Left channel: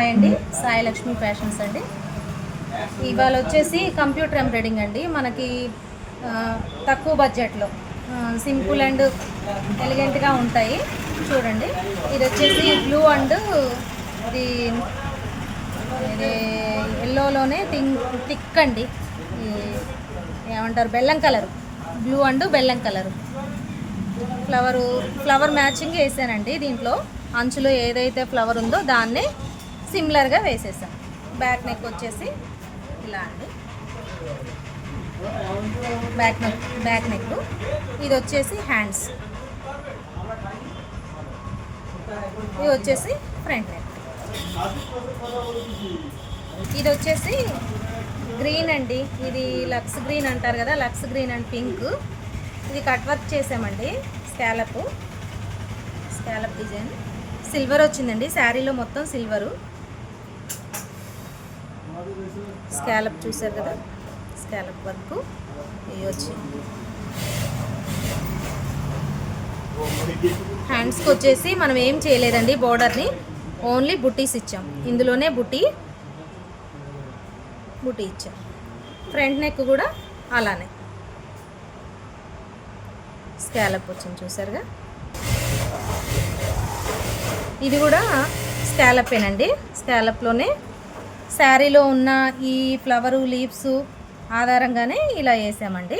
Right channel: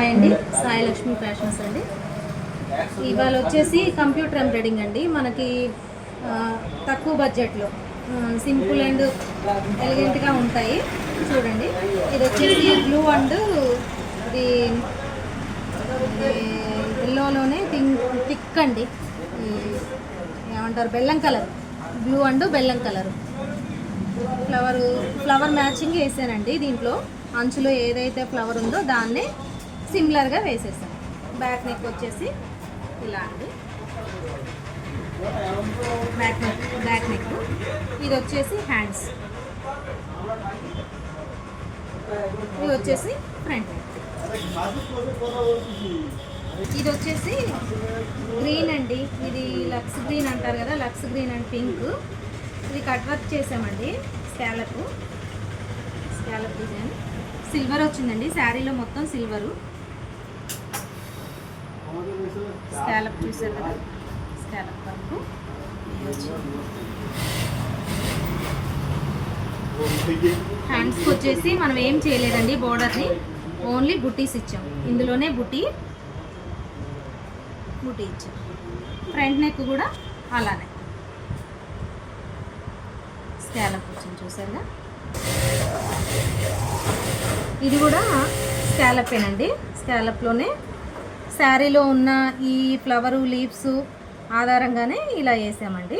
Hi అండి, Sai Lakshmi fashions అండి. ఇవాళ వచ్చేసి కంప్యూటర్ ఎంబ్రాయిడింగ్ అండి. మనకి తక్కువ బడ్జెట్లో సింపుల్ అండ్ ఎలిగెంట్గా ఉంటాయి. చూడండి, ఇది వచ్చేసి బ్లూ అండ్ ఇది ఎల్లోలోనే థిక్ అండి, ఏమంటారు బెల్లం కలర్, బ్లూ అండ్ బెల్లం కలర్ ఫ్లవర్ మ్యాచింగ్ వేసానండి. దీంట్లో అంచులో ఏదైతే ఫ్లవర్ ఉందో దాన్నే సిమిలర్గా వేసేసాను. బ్యాక్ నెక్ వచ్చేసి ఇలా అండి, బ్యాక్ నెక్. ఇది వచ్చేసి హ్యాండ్స్, ఇది వచ్చేసి ఫ్రంట్ నెక్. ఇది వచ్చేసి గ్రీన్ అండి, ఇది లక్స్ గ్రీన్ అంటారు కదా, లక్స్ గ్రీన్ అండ్ పింక్. ఇది కట్ వర్క్ చేసామండి, స్కాలప్ డిజైన్. సిల్వర్ వచ్చిందండి, శారీలో మొత్తం సిల్వరు. స్కాలప్ చూసారు కదా, స్కాలప్ వర్క్ ఇది వచ్చింది. హ్యాండ్స్కి వచ్చేసి మనం ఏం చేయలేదండి, బోర్డర్ని ఓన్లీ బుటీస్ ఇచ్చాం. ఇందులోనే బుటీ ఇచ్చాం. ఫ్రంట్ నెక్ కూడా అలానే స్కాలప్ వచ్చింది, చూసారుగా. ఇది కూడా స్కాలపేనండి. స్కాలప్లోనే శారీలో ఉన్న ఈ ఫ్లవరు లీవ్స్ ఆధారంగానే ఇలా వేసామండి,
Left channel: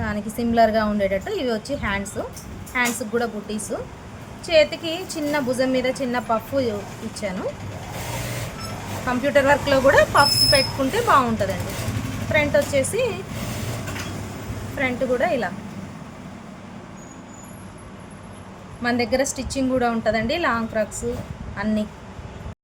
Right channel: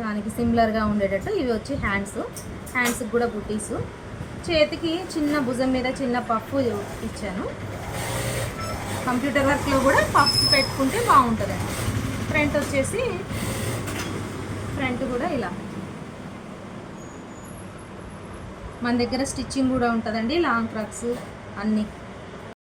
దానికి సిమిలర్గా ఉండేటట్టు. ఇవి వచ్చి హ్యాండ్స్కి కూడా బుటీసు. చేతికి చిన్న భుజం మీద చిన్న పఫ్ ఇచ్చాను. కంప్యూటర్ వర్క్లో కూడా పఫ్స్ పెట్టుకుంటే బాగుంటుందండి. ఫ్రంట్ వచ్చేసి ఫ్రంట్ కూడా ఇలా. మన దగ్గర స్టిచ్చింగ్ కూడా ఉంటుందండి, లాంగ్ ఫ్రాక్స్ అన్నీ.